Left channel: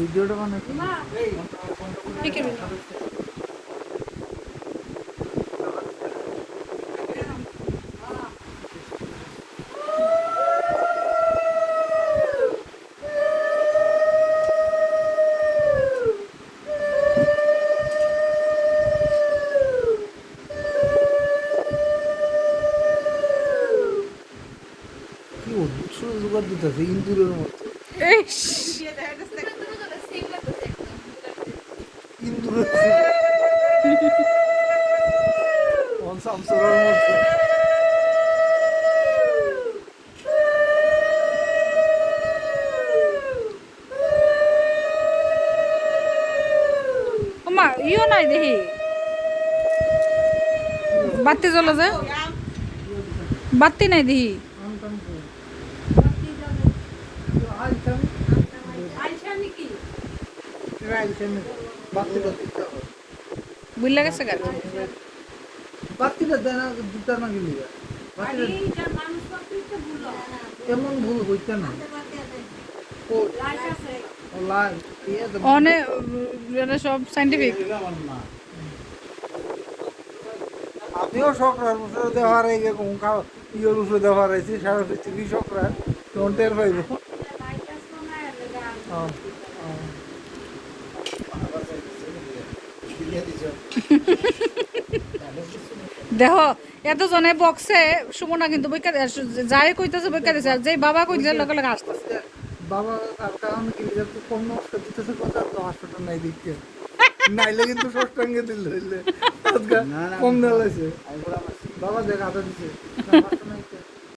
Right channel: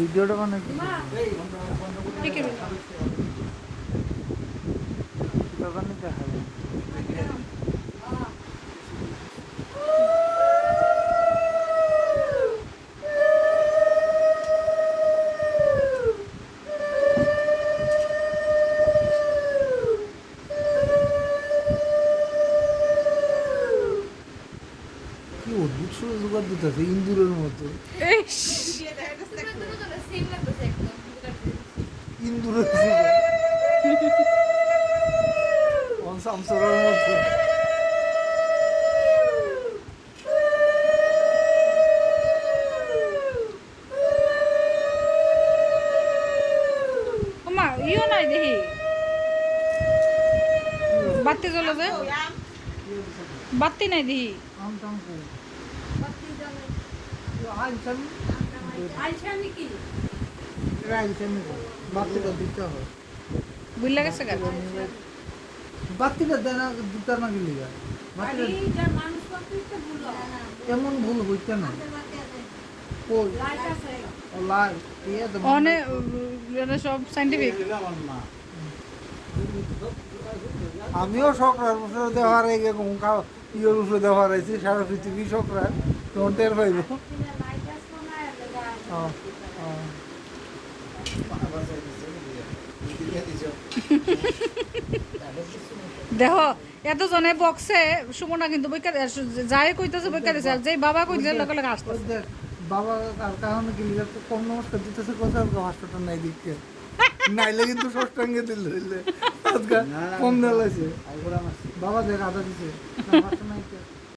ভিডিওটা বানাই কি জোগাড় দিতেছে ইন্দুরের মতো ইন্দুরের শামসুরের মতো ইও নাই দেখি বাতি জ্বলে যে বাতি নাই দেখি বুঝলা গেছে গাছ বাতিটা দেনা দিতে না গেলি এমন ভুল হইতে না অনেক সব সাইন্টিফিক আমিও শখরা মুসর দেওয়ার এরকম ইয়ে মুসর দেওয়ার হয়েছে সারা পৃথিবী শখরা কোনটের হইব দেখো এতজনে বক্সে সুমনা কিন্তু বইকা যাই কইতেছে বইকা দিছে আর যেই বাবা কইছে লগে লগে আসতেছে বাবা আর কারণ কিন্তু একটু কম নষ্ট দিতেছে কথা হসপিটাল নাই দিকে নাইলে কিন্তু ষষ্ঠাঙ্গে দিল কম দালাইছে বাবা দেখ আদা দিছে